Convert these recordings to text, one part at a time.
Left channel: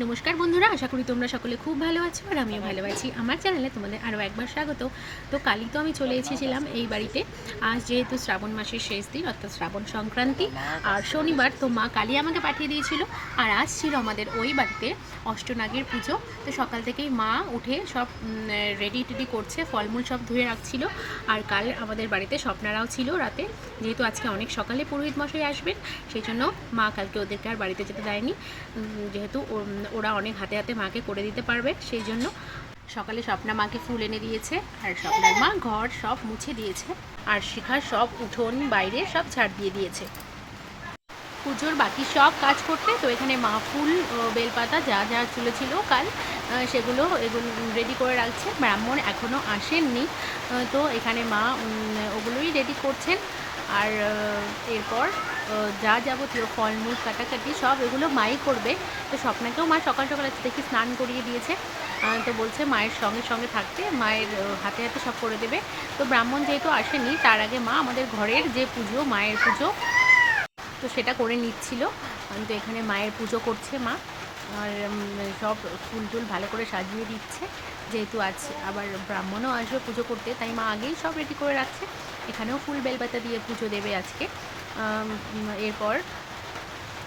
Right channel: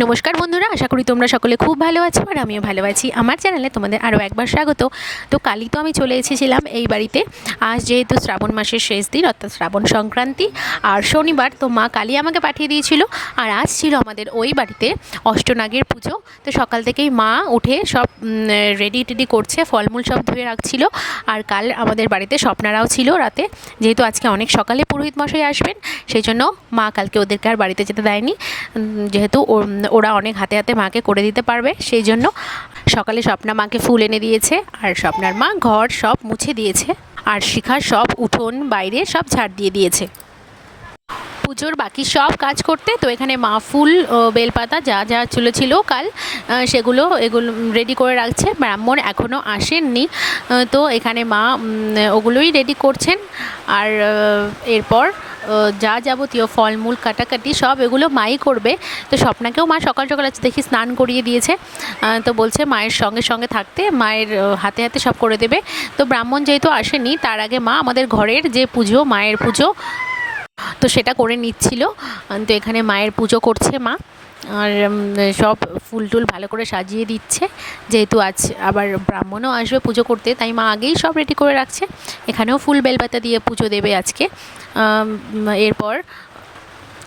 নমস্কার বন্ধুরা, আশা করি তোমরা সকলে খুব ভালো আছো আর আমিও ভালো আছি। আমার চ্যানেলে তোমাদের আরও একবার স্বাগত। তো কালই তো আমি চলে এসেছিলাম এই বাড়িতে। আজ যেহেতু শ্রাবণ মাসের শেষ দিন, অর্থাৎ শ্রাবণ সংক্রান্তি, আর শনিবার তো মা কালী আমাকে পাঠিয়ে দিয়েছিল, আর আজ ছিল আমাদের ওই বাড়িতে অষ্টনাগের পুজো। তো সকাল থেকেই মা উঠে সব রেডি টেডি করছে, ফলমূল সব ধুয়ে রাখছিল, আর কাল আমাদের বাড়িতে স্বপ্নারাও ছিল রাতে। যেহেতু আজকে অনেক সকালে পুরোহিত মশাই আসবেন, সেই জন্য মা কালকে ওদেরকে আর বাড়িতে যেতে দেয়নি। যেহেতু ওরা অনেক হাতে হাতে মাকে করে দিতে পারবে, সেই জন্য সকালে স্বপ্না মাকে ফুল এনে দিয়েছে, আর স্বপ্নার মা ঘর সব মুছে দিয়েছে, আর শিখার সব উঠোন, বাইরে সব ছাড় দিয়ে দিয়েছে। পুজোর বাকি সব কাজ করতে, তো এখানে মা ফুল বেলপাতা যা যা ছিল কাল সেগুলো এগুলো রেডি করে রাখছে, ব্রাহ্মণ এখনও আসেননি তো এখানে মা ওগুলোই রেডি করছেন, আর এরপর যা যাবতীয় ফলমূল, কাটাকাটি, সব এগুলো মাই করবে। তো স্বপ্নাকেও মা সকাল সকাল আজ দেখি স্নান করিয়ে দিয়েছে। তো বলছে মায়ের সঙ্গে সঙ্গে থাকতে, মায়ের হাতে হাতে সব করে দেবে। তো ব্রাহ্মণ যেহেতু আসেনি, তার আগে মা আমাদের ঘরের যে পুজো, মায়ের পুজো, তো সেটা করে নিচ্ছিল। তো এখানে মায়ের পুজো করছে মা। আর সব ফুল টুল ভালো করে সাজিয়ে দিচ্ছে। যেহেতু আজ আবার ব্রাহ্মণও আসবে পুজো করতে, তাই মা আগেই সব রেডি করে রাখছে। এখানেও ফুল বেলপাতা দিয়ে পুজো দেবে আজকে। এরপর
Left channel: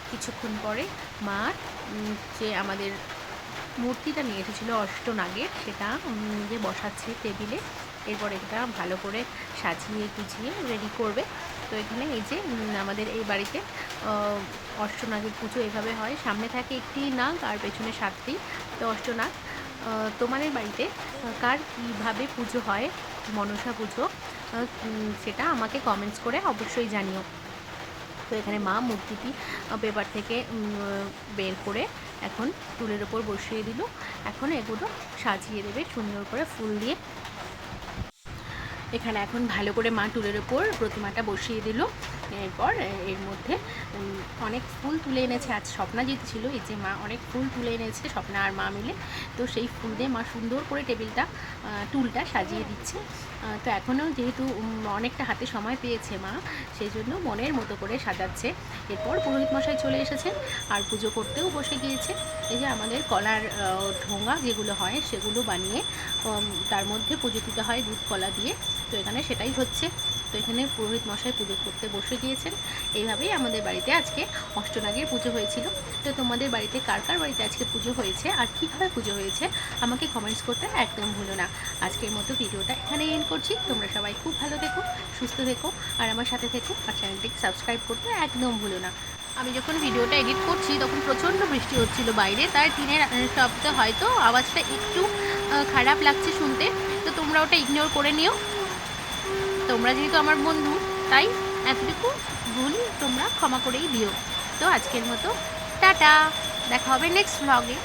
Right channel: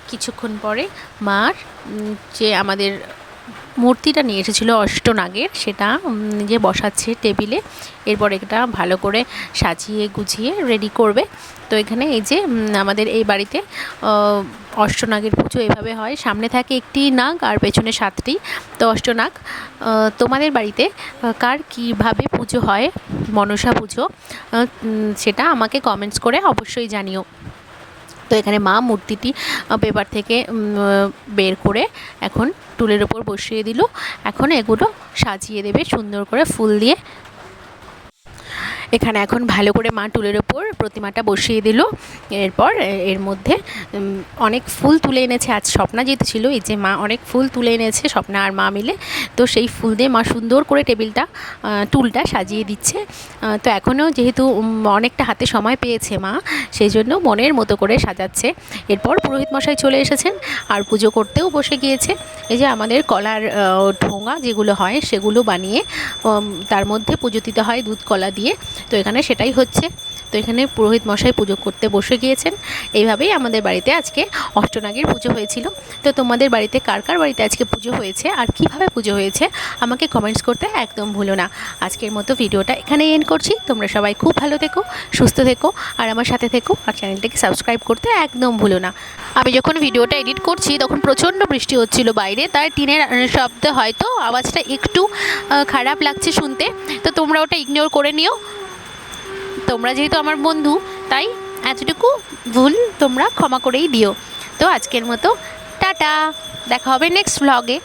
কিছুক্ষণ পরে মার যে আমাদের মূর্তিটা নিয়ে এসেছিল অষ্টনাগের সেটা যে বসাচ্ছে টেবিলে। এরপর এটা ভালো করে সাজিয়ে গুছিয়ে রেডি করবে। তো এখানে এই যে আমাদের এই বাড়িতে অষ্টনাগের পুজো এভাবে হয়। সামনে থাকে একটি নাগ আর পেছনে সাতটি। তো অষ্টনাগ তোমাদের বাড়িতে কার কীভাবে পুজো হয়? মনসা পুজো সেটা আমাকে কমেন্টস করে অবশ্যই জানিও। তো এখানে মা মূর্তিটি পেপার থেকে বের করে এখন টুলের ওপর বসিয়ে দিল। এখন এগুলো সাজিয়ে দেবে সুন্দর করে ফুল দিয়ে। এখানে এখন ভালো করে মা টুলের ওপর প্রতিমাটা বসিয়ে দিল। এরপর এর মধ্যে অনেক ফুল তুলে এনেছে। আজ স্বপ্না যেহেতু ছিল, এই যে মা অনেক ফুল তুলে এনেছে, স্বপ্না আর মা মিলে। তো সেই ফুল দিয়ে মা সুন্দর করে টেবিলটা টুলটা সাজিয়ে দিচ্ছে। তো এখনও যেহেতু অনেকটা হাতে সময় পেয়েছে মা, সেই জন্য মনের মতো করে সাজাচ্ছে। এরপর পুরোহিত মশাই চলে এসেছেন আর পুজো করতেও বসে গিয়েছে। এই যে আমাদের কলার ঠোঙা যেগুলো হয়, সেগুলো বানিয়ে তার মধ্যে পুজো দিতে হয় দুধ কলা দিয়ে। তো এখানে সেটাই হচ্ছে। তো এখানে পুরোহিত মশাই পুজো করতে বসে গিয়েছেন। এইভাবেই আমাদের বাড়িতে আজকে অষ্টনাগের পুজো হয়েছিল। তো তোমাদের বাড়িতে কার কার বাড়িতে আজকে পুজো হয়েছে আর কীভাবে পুজো হয়েছে আমাকে কমেন্টস করতে একদম ভুলো না। আজকের মতো ভিডিওটা এখানে এন্ড করছি। তোমরা সবাই খুব ভালো থেকো, সুস্থ থেকো আর আমার সাথে থেকো আর চ্যানেলটাকে সাবস্ক্রাইব করতে একদম ভুলো না। আমি যখন ভিডিওটা এডিট করছি তখন প্রচণ্ড বৃষ্টি হচ্ছিল বাইরে, তাই টিনের শব্দে হয়তো আওয়াজটা একটু খারাপ লাগছে শুনতে। তো তোমরা ওটা ইগনোর করে নিও। তোমরা যেহেতু আমার বন্ধু, তাই এতটুকু ভুল তোমরা ক্ষমা করেই দিও। তো আজকের মতো, টাটা। দেখা হবে নেক্সট ব্লগে